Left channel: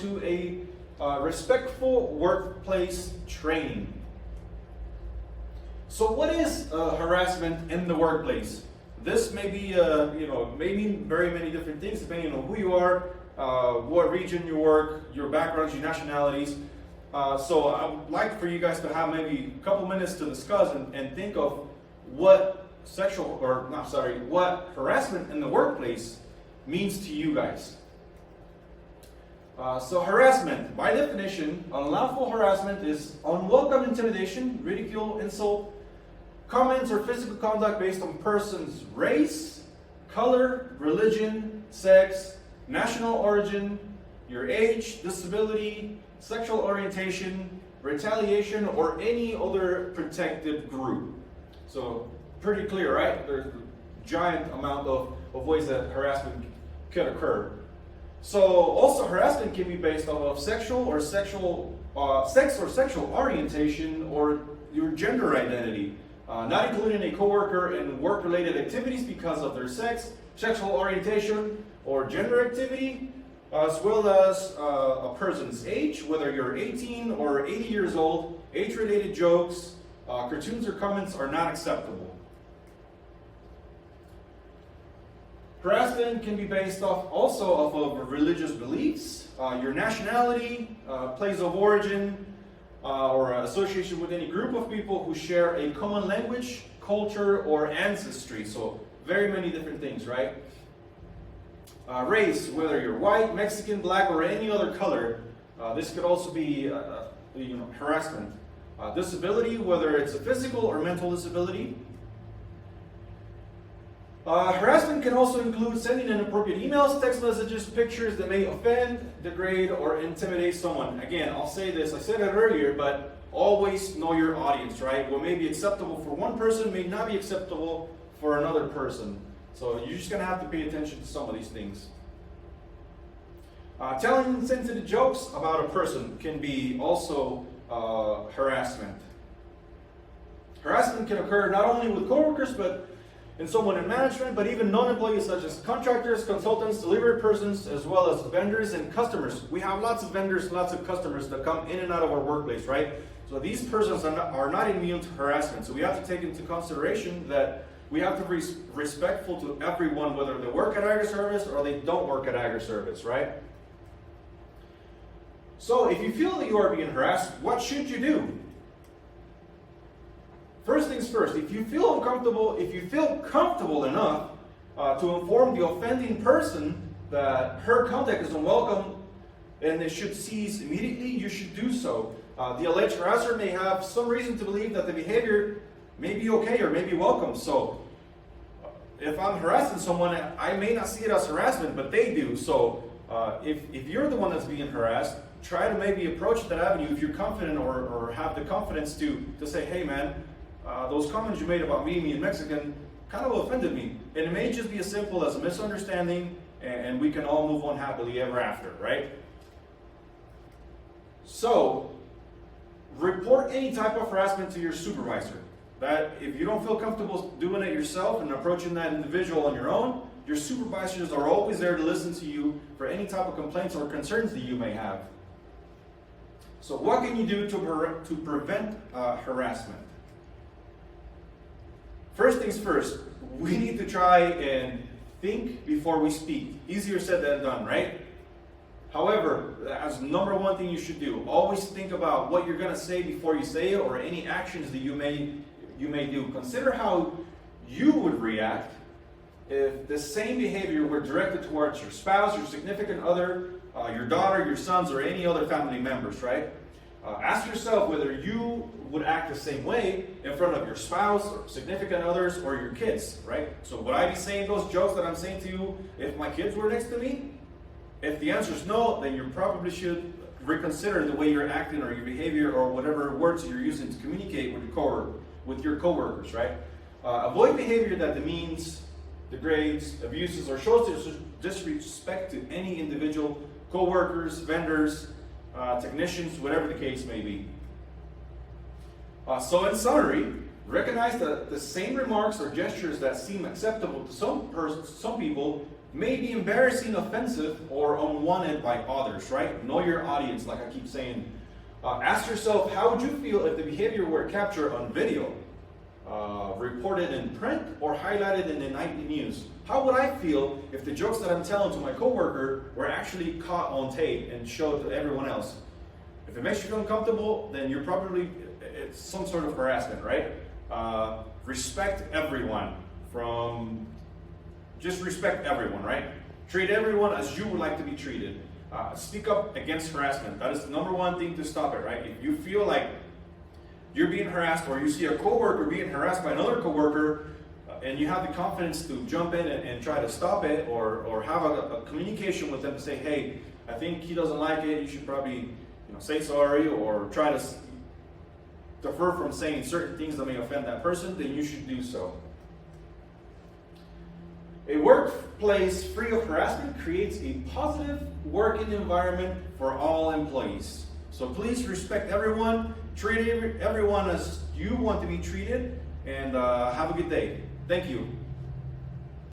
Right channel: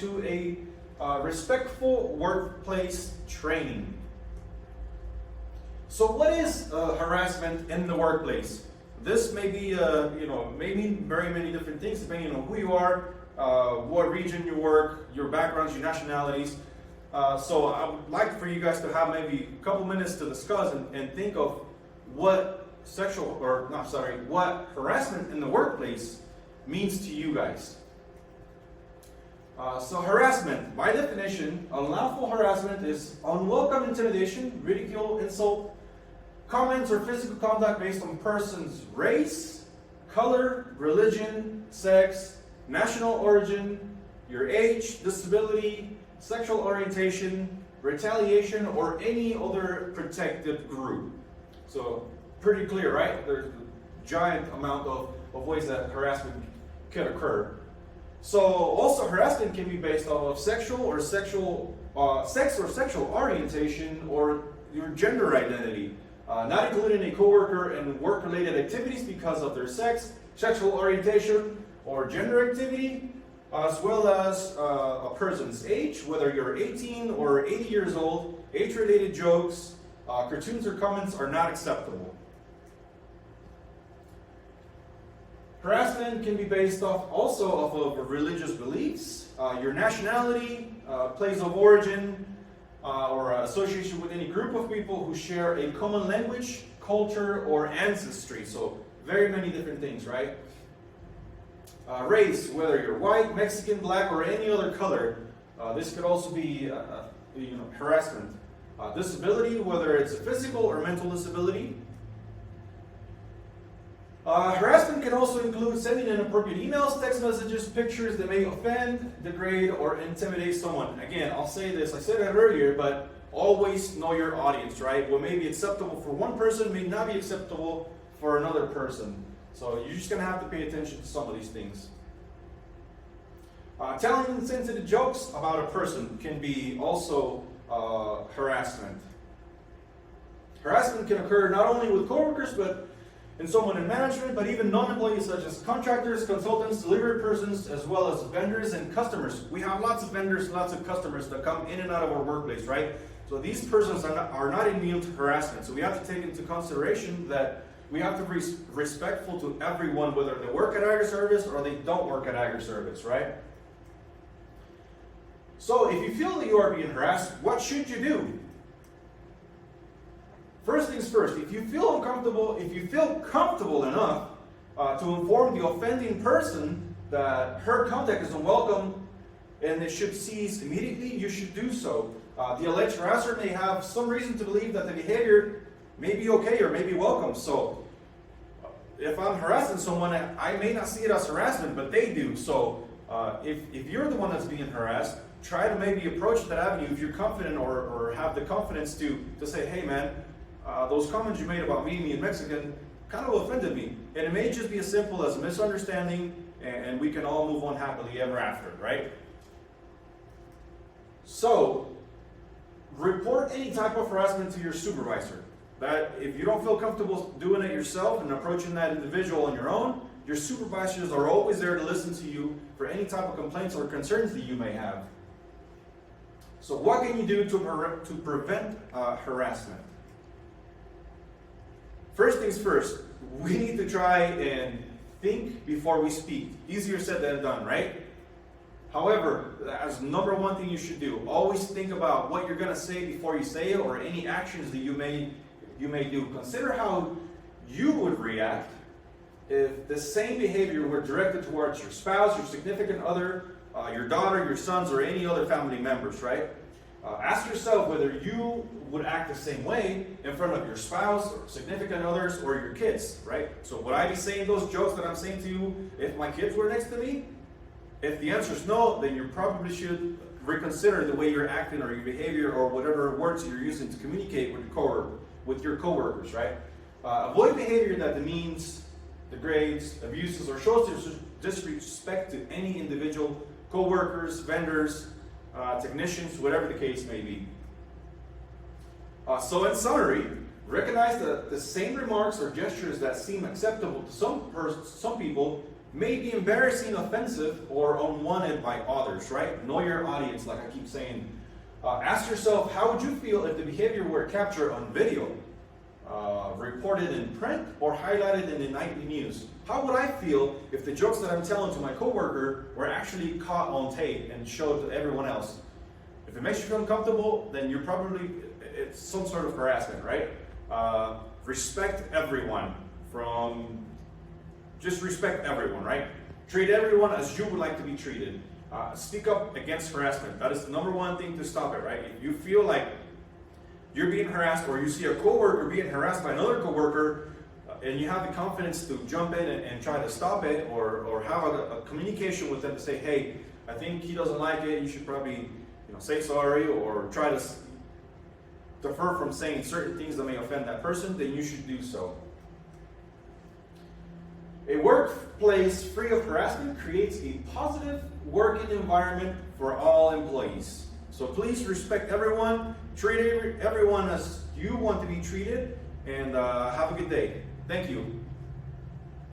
to a respectful workplace training. So what is harassment in the workplace? This may be, may mean very many different things depending on who you are, what region you work, your backgrounds, your nationalities. So I would like for you guys to have maybe a couple minutes to discuss and think of what harassment in the workplace means to you guys. So harassment, by definition, unlawful harassment is unwelcome intimidation, ridicule, insult, comments, or physical conduct based on person's race, color, religion, sex, national origin, your age, disability, sexual orientation, retaliation, or any other protected group. So pretty clear, right? There's a giant amount of ways that harassment can occur. So also harassment can be based off of sex or sexual orientation or your gender identity, not including a coworker in work-related activities because of their sex, sexual orientation, or gender activity, as well as a person's age, whether you're 18 or 80 years old. Age-related jokes, cartoons, or comments are not acceptable. Harassment can be based off of religious beliefs, your nationality, place of origin, or association with any group of people who share a common language, culture, or ancestry. So very many different things, right? Race, whether you're white, Mexican, black, or any other color, this could also be harassment. Disability, whether it's a physical or mental disability. Harassment can also include sending inappropriate emails, text messages, pictures that may offend, degrade, or intimidate someone. Again, I'll say this, I said that earlier, but always know your audience, right? What may be acceptable for one person may not be acceptable for another person. So you're just going to have to pay attention to some of these things. Telling insensitive jokes about a person can be also harassment. Harassment can occur not only with coworkers, but in someone in management, but even non-employees such as contractors, consultants, delivery persons, as well as vendors and customers. We have lots of vendors, lots of customers that come in and out of our workplace, right? So these persons are not immune to harassment. So we have to take into consideration that we have to be respectful to everyone, whether they work at Agri-Service or they don't work at Agri-Service, right? So if you feel that you are being harassed, what should you do? First things first, if you feel comfortable enough to inform the offending person that her contact is unwelcome and it should cease immediately, you should do so. The alleged harasser may have some reason to believe that the behavior may be okay or may be welcome. So if I'm harassing someone, I may not see it as harassment, but they do. So if you're the one that's being harassed, try to maybe approach that avenue if you're confident or have the confidence to say, hey man, those comments you made about me being Mexican kind of offended me. And it may just be as simple as a misunderstanding and we can all move on happily ever after, right? So, report any type of harassment to your supervisor. That if you don't feel comfortable doing it yourself and approaching that individual on your own, your supervisors are always there to listen to you for any type of complaints or concerns that you may have. So what can you do to prevent harassment? First things first, we need to try and think before we speak. Easier said than done, right? However, as number one thing you should do, always think about what you're going to say before you say it or any actions that you may do. Consider how you would react if the same behavior were directed towards your spouse, your significant other, your daughter, your sons, or any other family members, right? Ask yourself whether you would act the same way in front of your spouse, or significant others, or your kids, right? So would I be saying those jokes that I'm saying to you if my kids were next to me? If the answer is no, then you probably should reconsider the way you're acting or your behavior or whatever words you're using to communicate with your coworkers, right? Avoid behavior that demeans, degrades, abuses, or shows disrespect to any individual, coworkers, vendors, technicians, whatever the case may be. So in summary, recognize that the same remarks or gestures that seem acceptable to some people may be embarrassing, offensive, or unwanted by others, right? Know your audience, like I keep saying. Ask yourself, how would you feel if the behavior were captured on video, reported in print, or highlighted in the nightly news? How would I feel if the jokes that I'm telling to my coworker were actually caught on tape and showed to everyone else? If it makes you feel uncomfortable, then you're probably, it's some sort of harassment, right? Respect everyone. Just respect everyone, right? Treat everyone as you would like to be treated. Speak up against harassment. That is the number one thing to stop it, right? If you feel like you're being harassed, or you see a coworker being harassed by another coworker, and you have the confidence to jump in and try to stop it, or have a communication with them to say, hey, I think he doesn't like it, you should probably say sorry, or try to defer from saying certain things that may offend that person, then you should do so. A workplace free of harassment creates a positive working environment for all employees. So please respect everyone, treat everyone as you want to be treated, and have a good day. Thank you.